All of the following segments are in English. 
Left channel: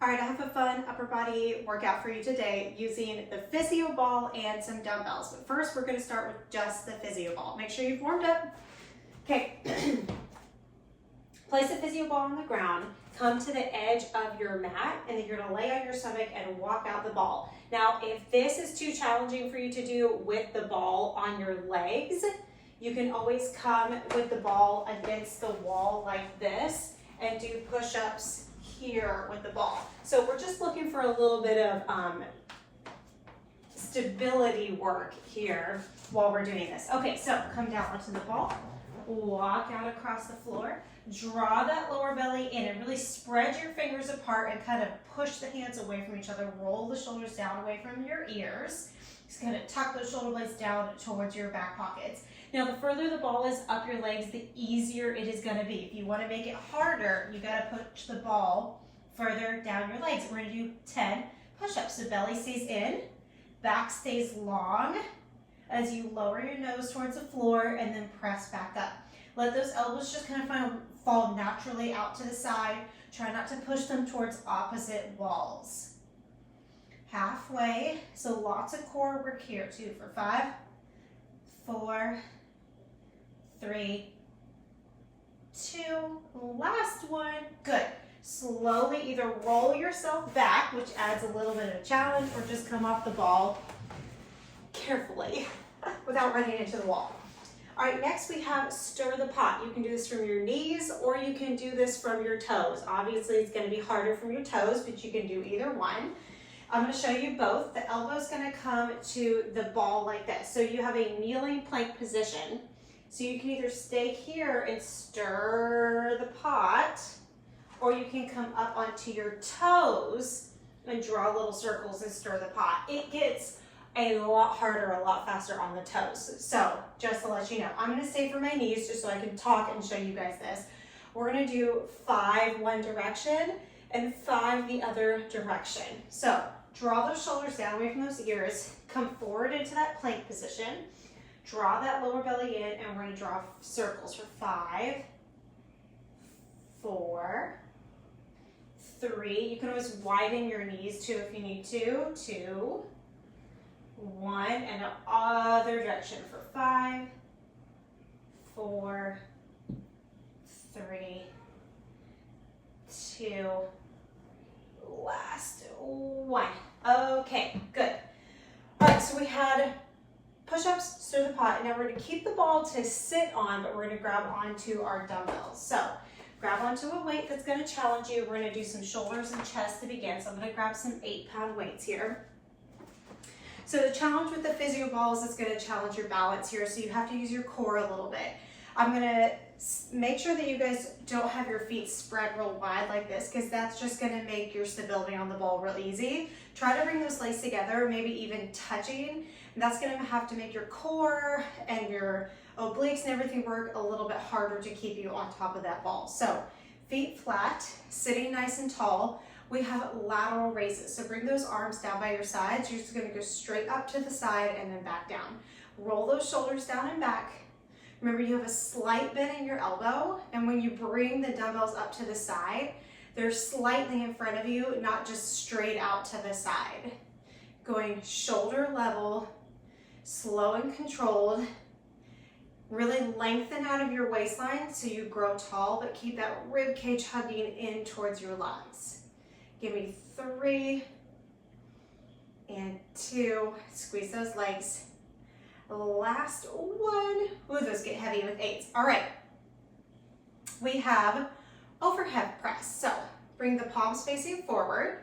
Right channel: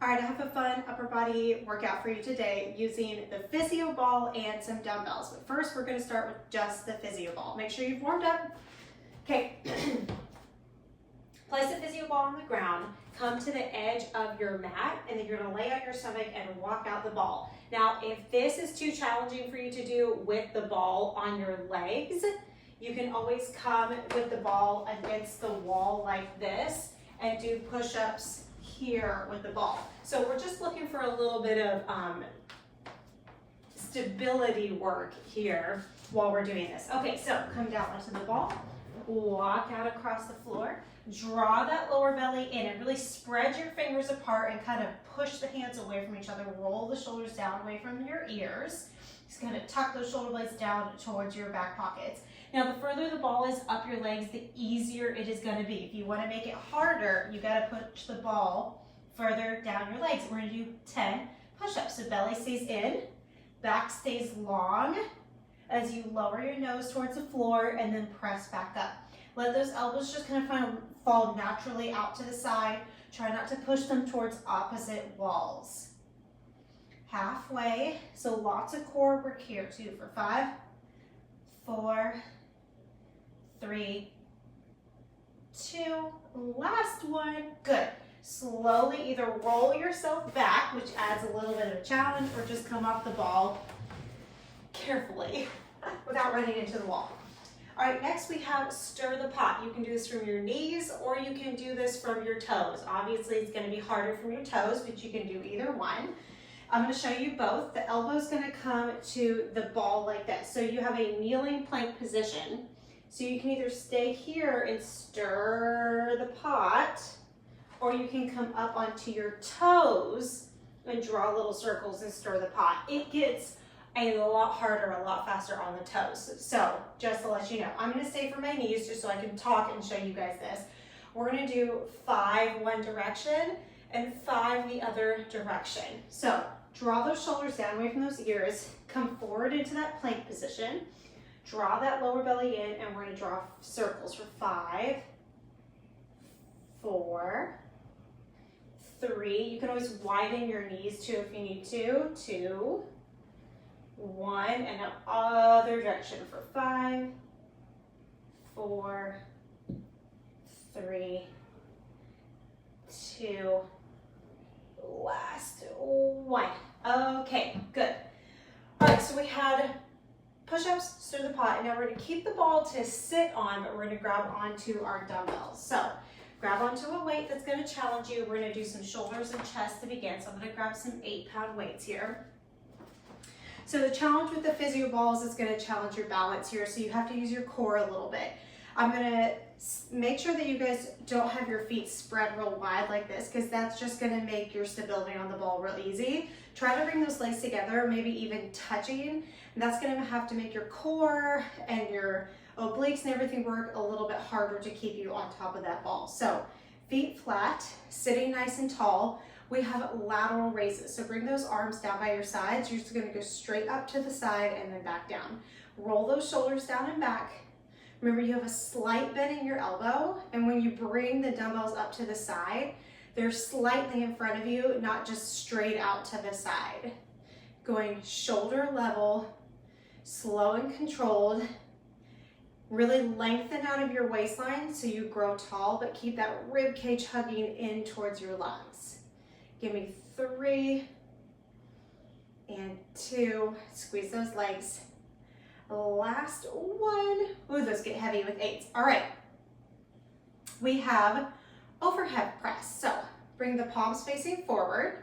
All right, I have a fun upper body workout for you today using the physio ball and some dumbbells. But first, we're gonna start with just the physio ball. Make sure you've warmed up. Okay, place the physio ball on the ground, come to the edge of your mat, and then you're gonna lay on your stomach and walk out the ball. Now, if this is too challenging for you to do with the ball on your legs, you can always come with the ball against the wall like this and do push-ups here with the ball. So we're just looking for a little bit of stability work here while we're doing this. Okay, so come down onto the ball, walk out across the floor, draw that lower belly in and really spread your fingers apart and kind of push the hands away from each other. Roll the shoulders down away from your ears. Just kind of tuck those shoulder blades down towards your back pockets. Now, the further the ball is up your legs, the easier it is going to be. If you want to make it harder, you got to push the ball further down your legs. We're going to do 10 push-ups. So belly stays in, back stays long as you lower your nose towards the floor and then press back up. Let those elbows just kind of fall naturally out to the side. Try not to push them towards opposite walls. Halfway, so lots of core work here too for 5, 4, 3, 2, last one, good. Slowly either roll yourself back, which adds a little bit of a challenge, or just come off the ball carefully without running into the wall. All right, next we have stir the pot. You can do this from your knees or you can do this from your toes. Obviously it's gonna be harder from your toes, but you can do either one. I'm gonna show you both. The elbow's gonna come to the ball like this. So you have a kneeling plank position. So you can either stay here and stir the pot, or you can come up onto your toes and draw little circles and stir the pot. It gets a lot harder, a lot faster on the toes. So just to let you know, I'm gonna stay for my knees just so I can talk and show you guys this. We're gonna do 5 one direction and 5 the other direction. So draw those shoulders down away from those ears, come forward into that plank position, draw that lower belly in, and we're gonna draw circles for 5, 4, 3. You can always widen your knees too if you need to. 2, 1, and the other direction for 5, 4, 3, 2, last 1. Okay, good. All right, so we had push-ups, stir the pot, and now we're going to keep the ball to sit on, but we're going to grab onto our dumbbells. So grab onto a weight that's going to challenge you. We're going to do some shoulders and chest to begin. So I'm going to grab some 8-pound weights here. So the challenge with the physio balls is going to challenge your balance here, so you have to use your core a little bit. I'm going to make sure that you guys don't have your feet spread real wide like this, because that's just going to make your stability on the ball real easy. Try to bring those legs together, maybe even touching. And that's going to have to make your core and your obliques and everything work a little bit harder to keep you on top of that ball. So feet flat, sitting nice and tall. We have lateral raises. So bring those arms down by your sides. You're just gonna go straight up to the side and then back down. Roll those shoulders down and back. Remember, you have a slight bend in your elbow, and when you bring the dumbbells up to the side, they're slightly in front of you, not just straight out to the side. Going shoulder level, slow and controlled. Really lengthen out of your waistline so you grow tall, but keep that rib cage hugging in towards your lungs. Give me 3 and 2. Squeeze those legs. Last 1. Ooh, those get heavy with 8s. All right. We have overhead press. So bring the palms facing forward.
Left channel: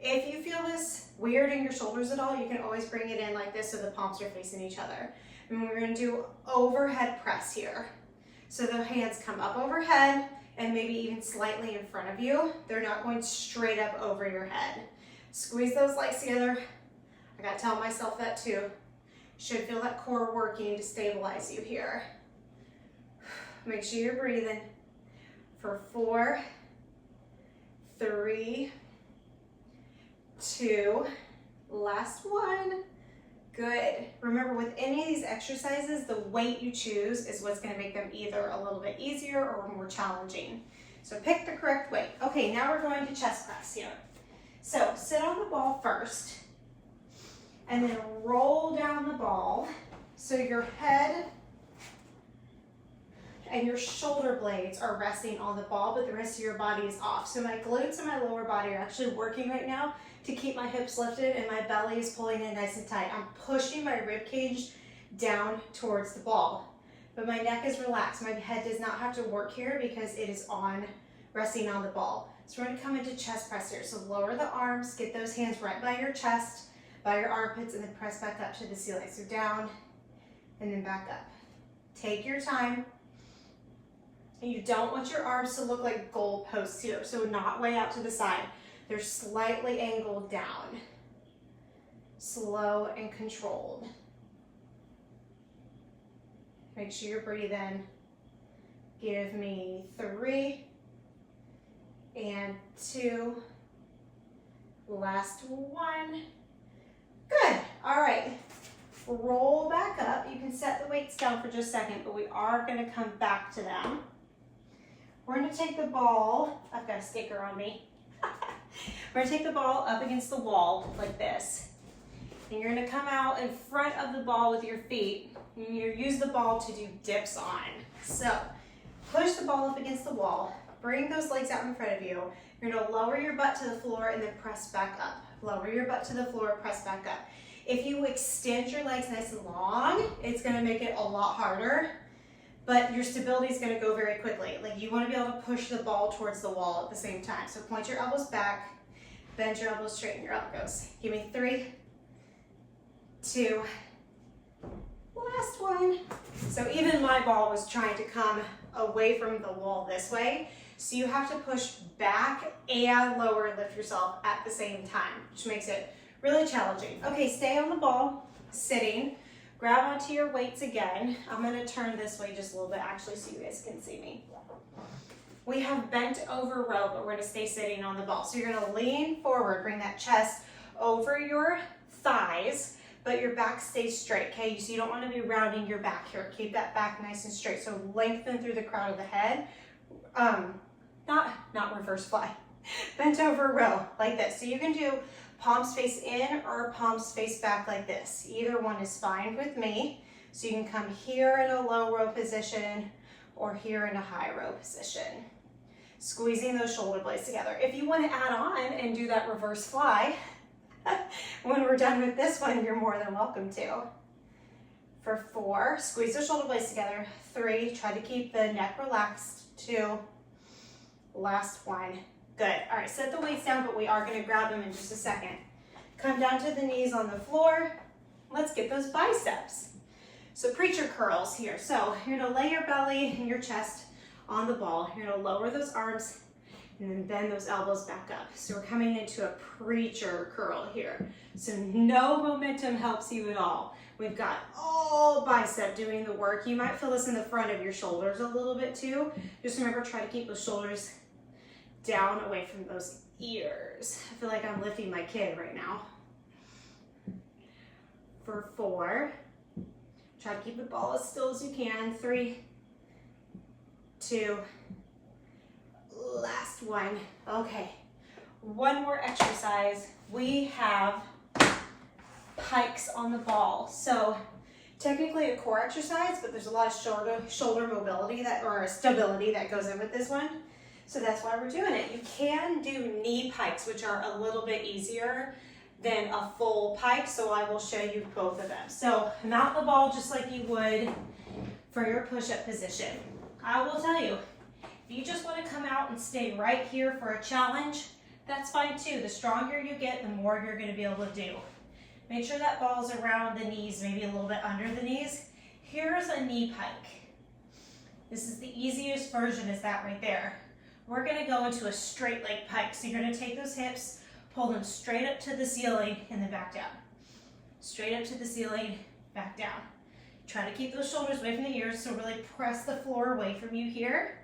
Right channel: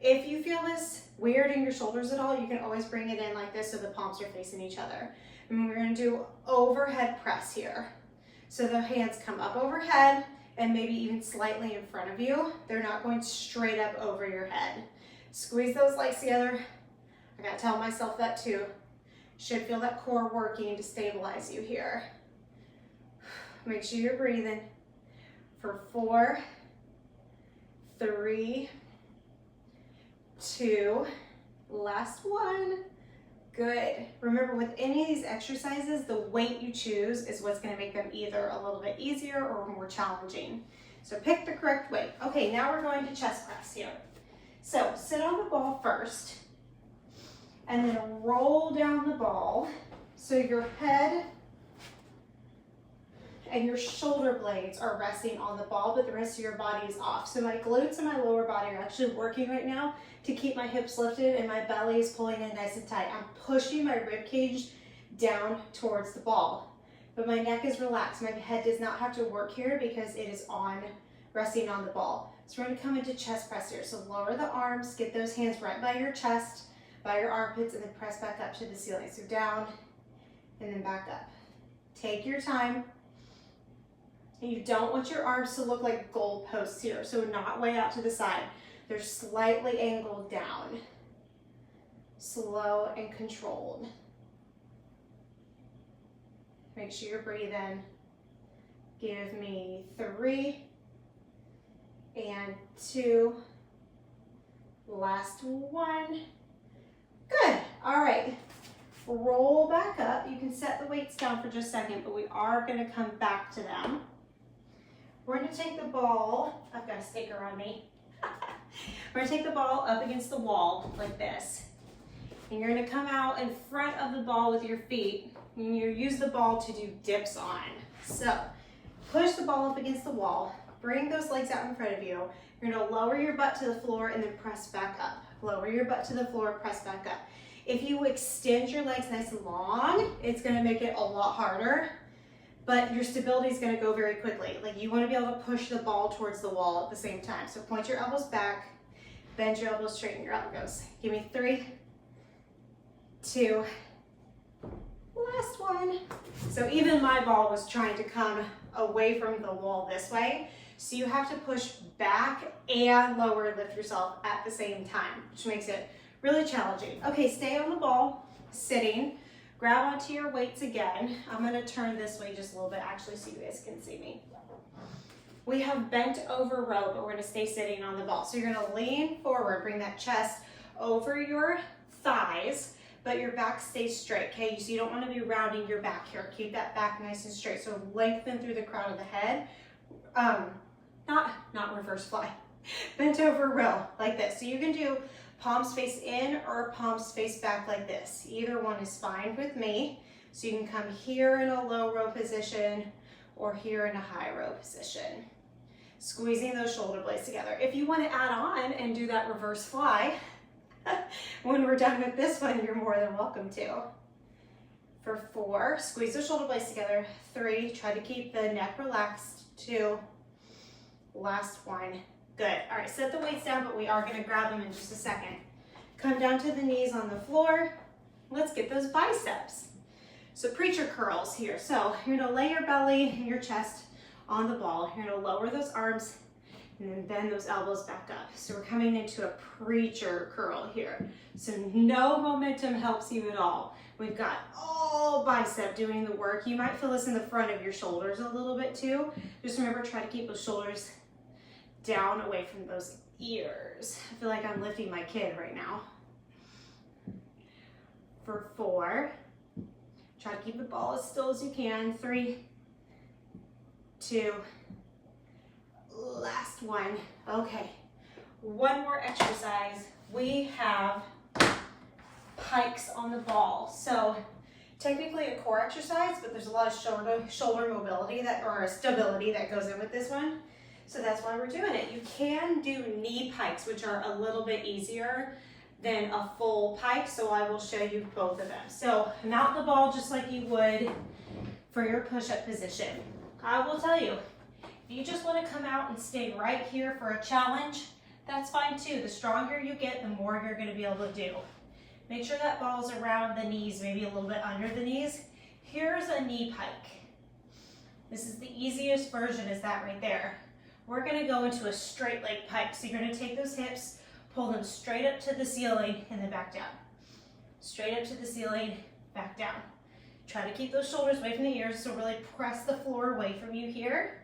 If you feel this weird in your shoulders at all, you can always bring it in like this so the palms are facing each other. And we're going to do overhead press here. So the hands come up overhead and maybe even slightly in front of you. They're not going straight up over your head. Squeeze those legs together. I gotta tell myself that too. Should feel that core working to stabilize you here. Make sure you're breathing for 4, 3, 2, last 1. Good. Remember, with any of these exercises, the weight you choose is what's going to make them either a little bit easier or more challenging. So pick the correct weight. Okay, now we're going to chest press here. sit on the ball first and then roll down the ball so your head and your shoulder blades are resting on the ball, but the rest of your body is off. So my glutes and my lower body are actually working right now to keep my hips lifted and my belly is pulling in nice and tight. I'm pushing my rib cage down towards the ball, but my neck is relaxed. My head does not have to work here because it is resting on the ball. So we're gonna come into chest press here. So lower the arms, get those hands right by your chest, by your armpits, and then press back up to the ceiling. So down and then back up. Take your time. And you don't want your arms to look like goal posts here, so not way out to the side. They're slightly angled down. Slow and controlled. Make sure you're breathing. Give me 3 and 2. Last 1. Good. All right. Roll back up. You can set the weights down for just a second, but we are going to come back to them. We're going to take the ball, I've got a sticker on me. We're going to take the ball up against the wall like this. And you're going to come out in front of the ball with your feet. And you use the ball to do dips on. So push the ball up against the wall. Bring those legs out in front of you. You're going to lower your butt to the floor and then press back up. Lower your butt to the floor, press back up. If you extend your legs nice and long, it's going to make it a lot harder. But your stability is going to go very quickly. Like, you want to be able to push the ball towards the wall at the same time. So point your elbows back, bend your elbows, straighten your elbows. Give me 3, 2, last 1. So even my ball was trying to come away from the wall this way. So you have to push back and lower, lift yourself at the same time, which makes it really challenging. Okay, stay on the ball, sitting. Grab onto your weights again. I'm gonna turn this way just a little bit actually so you guys can see me. We have bent over row, but we're gonna stay sitting on the ball. So you're gonna lean forward, bring that chest over your thighs, but your back stays straight, okay? So you don't wanna be rounding your back here. Keep that back nice and straight. So lengthen through the crown of the head. Not reverse fly. Bent over row, like this. So you can do palms face in or palms face back like this. Either one is fine with me. So you can come here in a low row position or here in a high row position. Squeezing those shoulder blades together. If you want to add on and do that reverse fly, when we're done with this one, you're more than welcome to. For 4, squeeze those shoulder blades together. 3, try to keep the neck relaxed. 2, last 1. Good. All right, set the weights down, but we are going to grab them in just a second. Come down to the knees on the floor. Let's get those biceps. So preacher curls here. So you're going to lay your belly and your chest on the ball. You're going to lower those arms and then bend those elbows back up. So we're coming into a preacher curl here. So no momentum helps you at all. We've got all bicep doing the work. You might feel this in the front of your shoulders a little bit too. Just remember, try to keep those shoulders down away from those ears. I feel like I'm lifting my kid right now. For 4, try to keep the ball as still as you can. 3, 2, last 1. Okay, one more exercise. We have pikes on the ball. So technically a core exercise, but there's a lot of shoulder mobility or stability that goes in with this one. So that's why we're doing it. You can do knee pikes, which are a little bit easier than a full pike. So I will show you both of them. So mount the ball just like you would for your push-up position. I will tell you, if you just want to come out and stay right here for a challenge, that's fine too. The stronger you get, the more you're going to be able to do. Make sure that ball's around the knees, maybe a little bit under the knees. Here's a knee pike. This is the easiest version, is that right there. We're going to go into a straight leg pike. So you're going to take those hips, pull them straight up to the ceiling, and then back down. Straight up to the ceiling, back down. Try to keep those shoulders away from the ears, so really press the floor away from you here.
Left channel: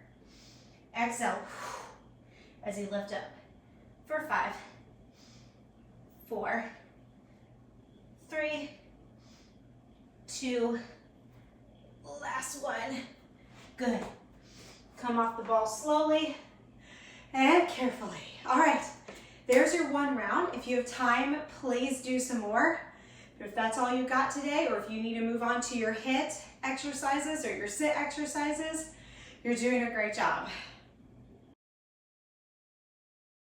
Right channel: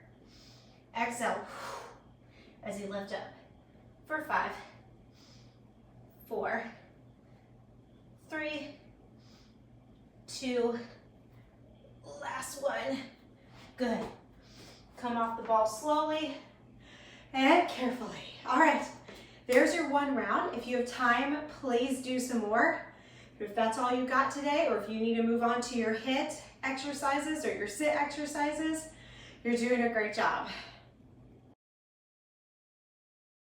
Exhale as you lift up. For 5, 4, 3, 2, last 1. Good. Come off the ball slowly and carefully. All right, There's your one round. If you have time, please do some more. If that's all you got today, or if you need to move on to your HIIT exercises or your sit exercises, you're doing a great job.